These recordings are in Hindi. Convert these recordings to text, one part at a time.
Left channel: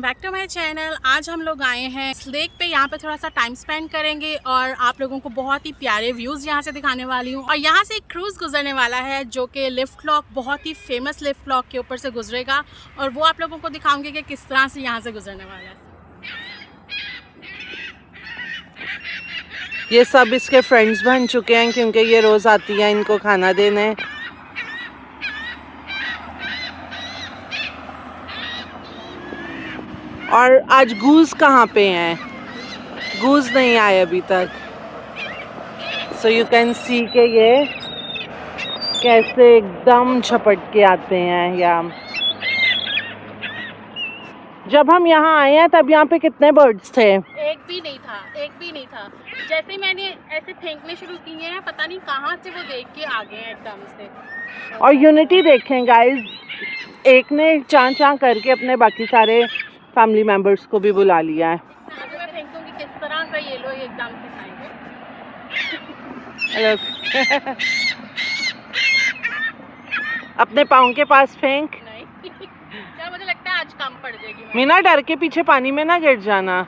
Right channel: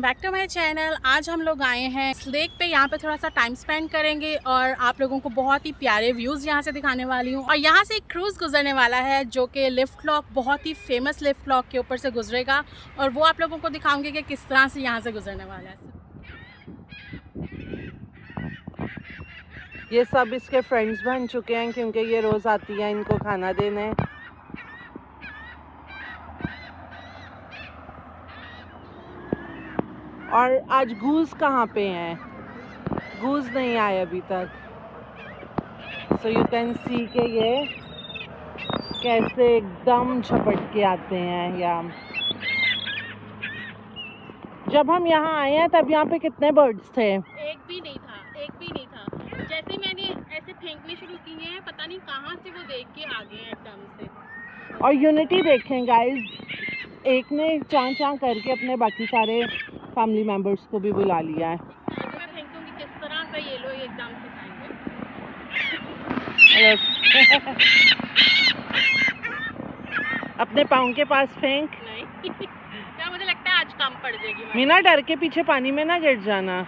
Welcome back to my channel. आज हम लोग आए हैं इस लेक पे, यहाँ पे थोड़ा सा टाइम स्पेंड करेंगे और आप लोगों को बहुत ही प्यारे व्यूज़ यहाँ से दिखाने वाली हूँ। और यहाँ से एक क्रूज़ गुजरने वाला है जो कि लिफ्ट लॉक, बहुत ही फेमस लिफ्ट लॉक के ऊपर से गुजरेगा और वो आप लोगों को दिखाऊंगी कि किस तरह से यहाँ से गुजरने वाला है। ये सब इसके फ्रेंड्स बन चुके हैं क्योंकि ये रोज़ आती है इनको खाना देने। और आज गूज कहाँ पे हैं? गूज नहीं आए अभी तक। सो यू कैन सी के ये कैसे एकदम झपट के आते हैं। या जब हम यहाँ आए हैं तब यहाँ पे कितने बर्ड्स थे? एक भी नहीं था, एक भी नहीं था। जैसे मैंने ऐसे फेंकने शुरू किए हैं, पता नहीं कहाँ से वो देख के आ गए हैं एकदम से। और यूनिटी देखें गाइस, एक ने चां चां करके अपने बाकी सारे फैमिली मेंबर्स को भी बुला लिया है। मैं फेंकूंगी किस तरह से ये लोग एकदम से खाएंगे। अपने पाँव के पास फेंक। नहीं क्या, मुझे लगता है आज कम पड़ जाएगी। मीना डर के पीछे पानी में ना गिर जाना।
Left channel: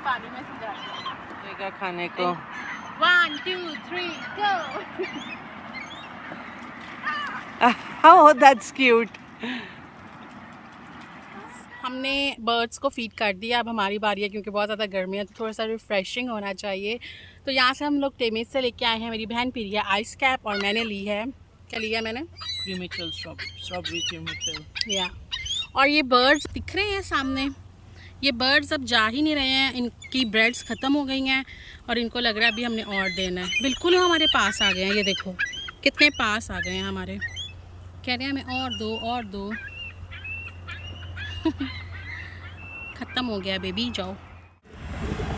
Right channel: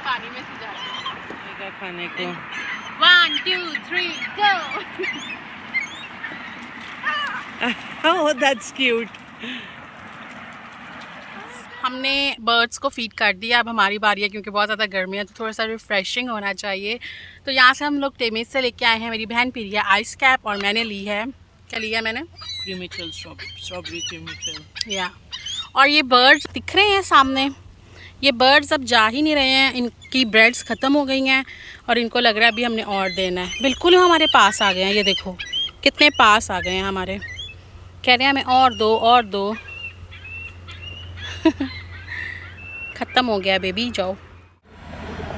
पानी में से जाते हैं खाने को। 1 2 3 go। Oh, that's cute. हमने बर्ड्स को फीड कर दिया, अब हमारी बारी है क्योंकि बहुत ज़्यादा गर्मी है तो थोड़ा सा रिफ्रेशिंग होना चाहिए। तो यहाँ से हम लोग टेमिस से लेके आए हैं। मेरी बहन पी रही है आइस कैप और मैंने ली है, क्या लिया मैंने? Strawberry chemical. या और ये बर्ड्स दिख रहे हैं सामने, ये बर्ड्स अब जा ही नहीं रहे हैं, इनकी ब्रेड्स ख़त्म हो गई हैं और इनको लग रहा है अभी हमने और देना है। बिल्कुल हमारे पास आ गए हैं, ये देखो कितने पास आ गए हैं हमारे। कह रहे हैं हमें और दो और दो। ख़त्म हो गया बेबी, जाओ।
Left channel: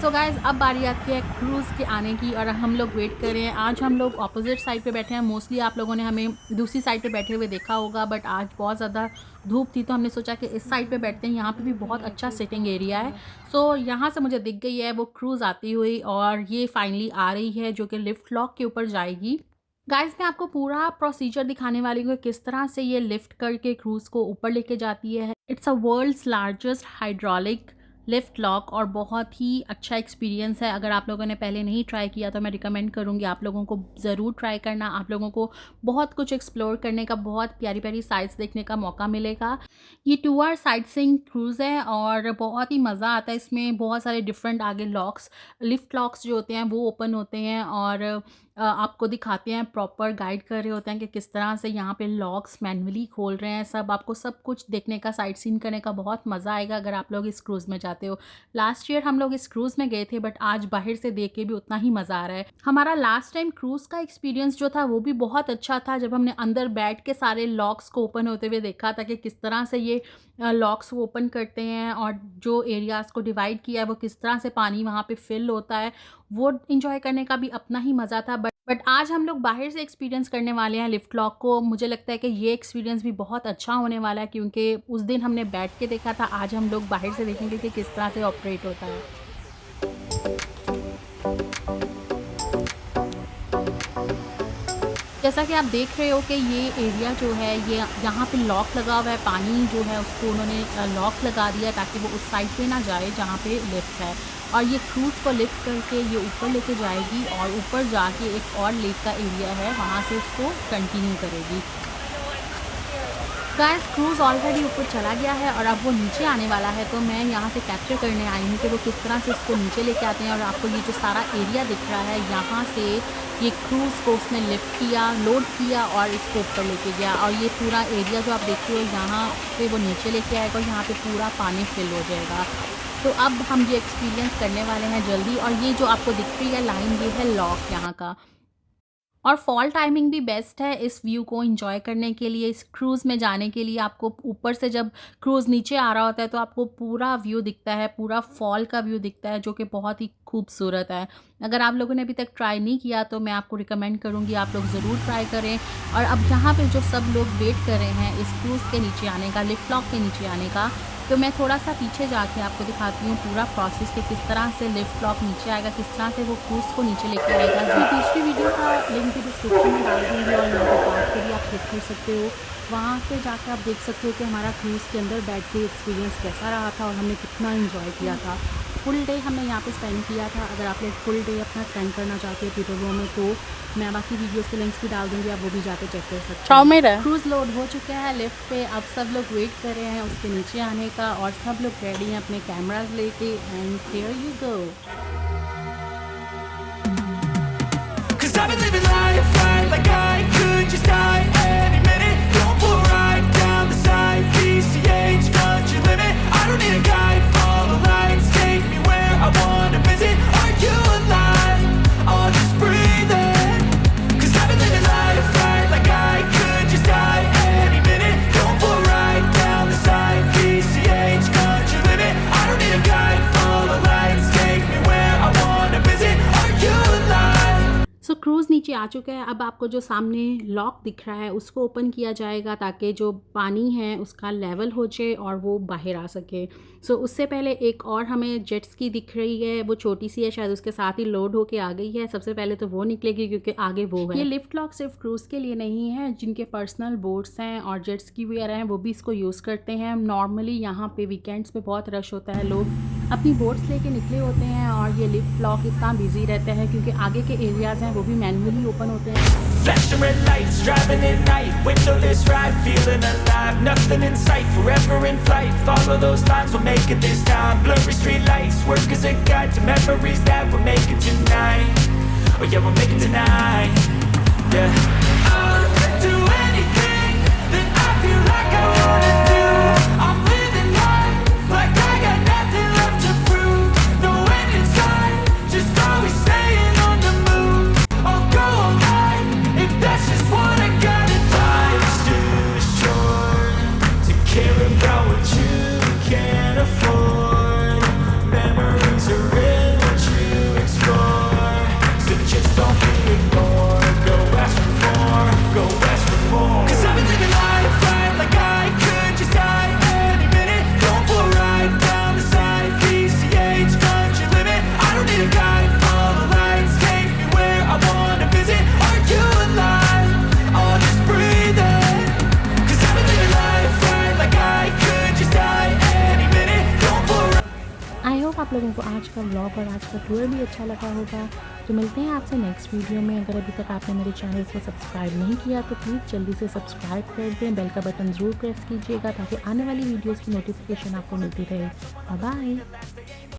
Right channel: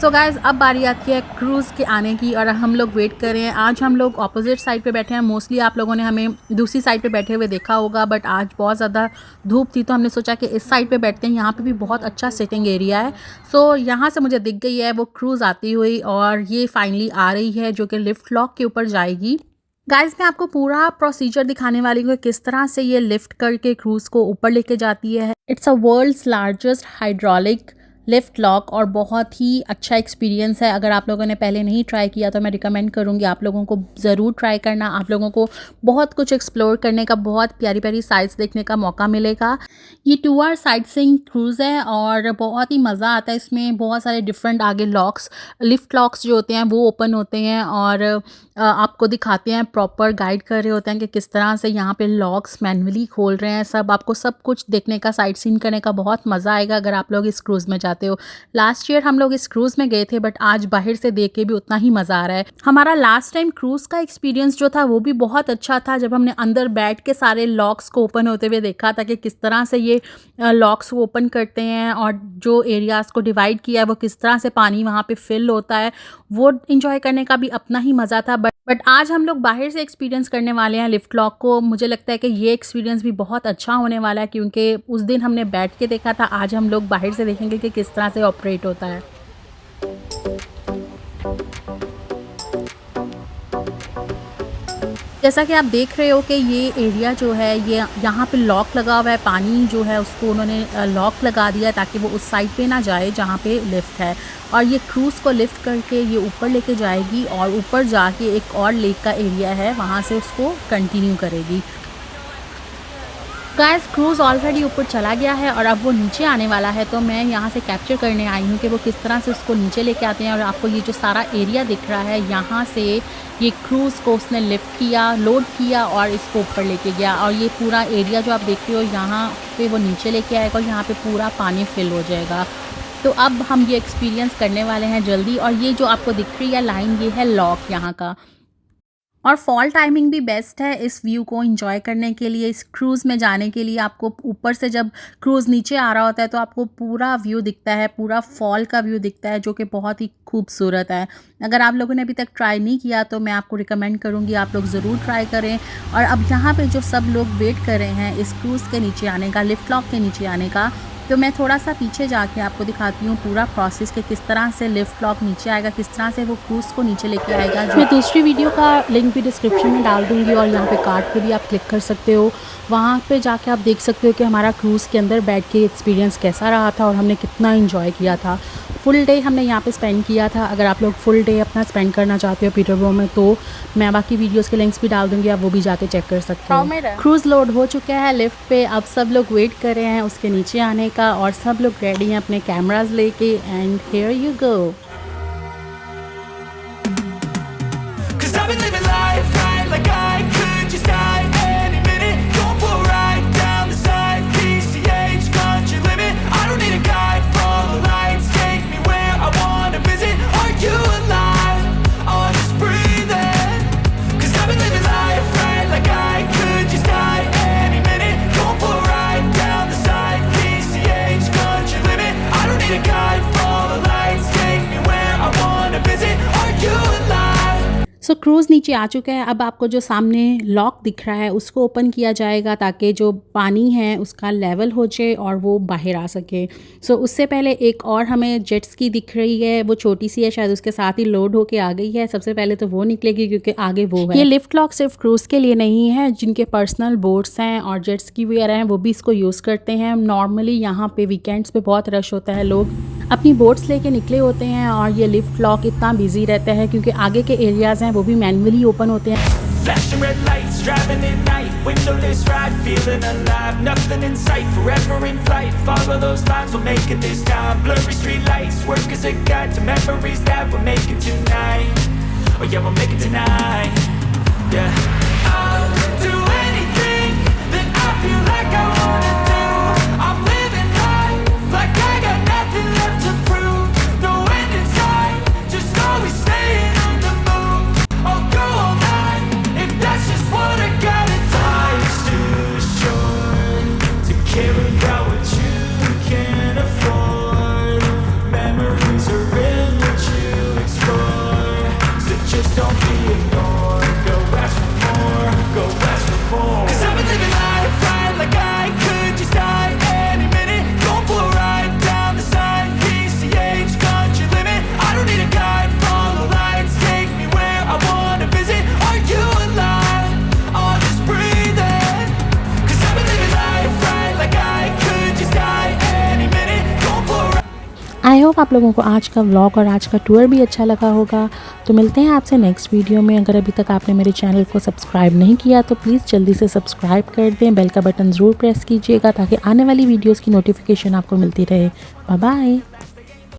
सो गाइज़, अब बारी आती है क्रूज़ के आने की और हम लोग वेट कर रहे हैं। आज हम लोग ऑपोजिट साइड पे बैठे हैं। मोस्टली आप लोगों ने हमें दूसरी साइड पे बैठे हुए देखा होगा, बट आज बहुत ज़्यादा धूप थी तो हमने सोचा कि इस साइड पे बैठते हैं। यहाँ पे भी बहुत अच्छा सिटिंग एरिया है। सो यहाँ से मुझे दिख गई है वो क्रूज़ आती हुई और ये फाइनली आ रही है जो कि लिफ्ट लॉक के ऊपर जाएगी। गाइज़, मैं आपको पूरा प्रोसीजर दिखाने वाली हूँ किस तरह से ये लिफ्ट करके क्रूज़ को ऊपर लेके जाती है। It's a world's largest hydraulic lift lock और बहुत ही अच्छा एक्सपीरियंस है। अगर आप लोगों ने पहले नहीं ट्राई किया तो मैं रिकमेंड करूँगी आप लोगों को ज़रूर ट्राई करना। आप लोगों को बहुत कुछ एक्सप्लोर करने का, बहुत प्यारी प्यारी साइट्स देखने का मौका मिलेगा। ये 2 आवर साइट सीइंग क्रूज़ है और बहुत ही मज़ा आता है इसमें। बहुत सारे डिफरेंट आगे लॉक्स, लिफ्ट लॉक्स जो होते हैं वो ओपन होते हैं और आपको दिखाते हैं, प्रॉपर गाइड कर रहे होते हैं कि किस तरह से यहाँ पे लॉक्स मैनुअली खोल रहे हैं। सब आपको सब कुछ देखने का, साइट सीन करने का बहुत मज़ा आएगा अगर आप लोग इस क्रूज़ में जाते हो। लास्ट ईयर हम लोग इस क्रूज़ में गए थे बट आज बाहर से देख के भी उतना ही मज़ा आ रहा है। हमारा लास्ट टाइम क्रूज़ का एक्सपीरियंस जो था वो भी बहुत अच्छा था, जब हमने अंदर बैठ के सारे लॉक्स को ओपन होते हुए देखा था कि किस तरह से ये लॉक्स को ओपन करते हैं और जो एरियाज़ को डिवाइड किया है वो किस तरह से पानी वहाँ पे फिल होता है, वो इंजॉय करने का भी अपना ही मज़ा था। बट आज हम लोग बाहर से एक्सपीरियंस करने वाले हैं लिफ्ट लॉक को। मुझे लगता है कि ये एक्सपीरियंस भी बहुत अच्छा होने वाला है क्योंकि उस दिन हमने बैठ के देखा था, आज हम लोग बाहर से देखेंगे कि किस तरह से ऑपरेट होता है। जैसा कि आप देख रहे हो कि ये एरिया जो है, ये यहाँ पे लॉक लगा हुआ है। पानी जो है उसको उन्होंने लॉक लगा दिया ताकि वो उस साइड पे ना जाए जहाँ पे लिफ्ट है। और ये क्रूज़ को लिफ्ट करके ये ऊपर लेके जाएगी और ऊपर जाके एक और लेक का एरिया है वहाँ से उसको कंटिन्यू करेगी। गाइस, क्रूज़ ऑलरेडी ऊपर चला गया है और अब वो नीचे आने वाला है, तो मैं यहाँ से कैप्चर करने आई हूँ कि वो किस तरह से उसको नीचे लेके आते हैं। और आपको ये जो सारा एरिया दिख रहा है, यहाँ से ये क्रूज़ को उसने लिफ्ट किया, लोड किया और इसको ऊपर लेके गया। और ये पूरा एरिया जो आप देख रहे हो, यहाँ पे वो नीचे लेके आएगा और यहाँ पे पूरा पानी फिल हो जाएगा। तो अब हम ये एक्सपीरियंस करने वाले हैं जल्दी। और ये जो आपको दिख रही है लाइन, ये है लॉक यहाँ का। और फॉल टाइमिंग भी बेस्ट है इस व्यू को एंजॉय करने के लिए, इस क्रूज़ में जाने के लिए। आपको ऊपर से जब क्रूज़ नीचे आ रहा होता है तो आपको पूरा व्यू दिखता है, पूरा फॉल का व्यू दिखता है जो कि बहुत ही खूबसूरत है। अगर आप लोगों ने अभी तक ट्राई नहीं किया तो मैं आपको रिकमेंड करूँगी आप लोग ज़रूर ट्राई करें। और अब यहाँ पे जो सब लोग वेट कर रहे हैं इस क्रूज़ के नीचे आने का, लिफ्ट लॉक के नीचे आने का, तो मैं थोड़ा सा पीछे जाके आपको दिखाती हूँ पूरा प्रोसेस कि किस तरह से लिफ्ट लॉक नीचे आएगा, किस तरह से वो क्रूज़ को नीचे लेके आएगा। मैं दूसरी वीडियो का लिंक भी डिस्क्रिप्शन में डाल दूँगी और यहाँ पे कार्ड पे भी आप क्लिक कर सकते हो। वहाँ पे जाके आप देख सकते हो कि हमारा क्रूज़ के अंदर बैठ के एक्सपीरियंस कैसा रहा था और हमने कितना एंजॉय किया था। फुल डे हमने यहाँ पे स्पेंड किया था। अगर आप लोग फुल डे अपना स्पेंड करना चाहते हो पीटरबोरो में तो मैं बाकी वीडियोस के लिंक्स भी डाल दूँगी, आप वो भी जाके चेक कर सकते हो। क्रूज़ लोड हो चुका है लिफ्ट पे, अब सब लोग वेट कर रहे हैं उसके नीचे आने का और सब लोग रेडी हैं अपने कैमराज लेके and here you go. So cruise नीचे आ चुका है। अब आपको जो सामने लॉक दिख रहा है उसको ओपन किया जाएगा ताकि जो पानी है उसका लेवल हो जाए और वो बाहर आ सके। सो उससे पहले एक और हमें जेट्स की दिख रही है, वो छोटी सी है, शायद उसके साथ ही लोड होके आ गई है। सबसे पहले तो वो निकलेगी क्योंकि आगे वो है। ये लिफ्ट लॉक सिर्फ क्रूज़ के लिए नहीं है, जिनके पर्सनल बोट्स हैं और जेट्स की वगैरह हैं वो भी इसको यूज़ करते हैं। नॉर्मली यहाँ पे वीकेंड्स पे बहुत रश होता है, लोग अपनी बोट्स लेके निकले होते हैं और ये लिफ्ट लॉक इतना बिजी रहता है क्योंकि आगे के एरियाज़ हैं वो भी मैनुअली ओपन होते हैं। Flashing red lights, driving at night, windowless ride, feeling alive, nothing in sight, forever in flight, follow those lines, we'll make it this time, blurry street lights, work as a guide to memories that we're making tonight, oh yeah, we'll make it tonight, yeah. I'll do anything that I feel like I wanna do, I'm living life like I got nothing left to prove, no end in sight, just always staying on the move, I'll go all night if that's just what I gotta do. Life's too short to care about what you can't afford, memories are in what you explore, so just don't be ignored, go ask for more, go ask for more, 'cause I've been living life right like I could just die any minute, going for a ride down the side, PCH country limit, I don't need a guide, follow lights, take me where I wanna visit, are you alive, or just breathing, 'cause I've been living life right like I could just die any minute, going for a ride. I hope आप लोगों को आज का व्लॉग और आज का टूर भी अच्छा लगा होगा। तो मिलते हैं आपसे नेक्स्ट वीडियो में। अगर अभी तक आपने मेरे चैनल को सब्सक्राइब नहीं किया तो प्लीज़ जल्दी से सब्सक्राइब कर दें, बेल का बटन ज़रूर प्रेस कीजिएगा ताकि आने वाली वीडियोस की नोटिफिकेशन आपको मिलती रहे। Bye bye.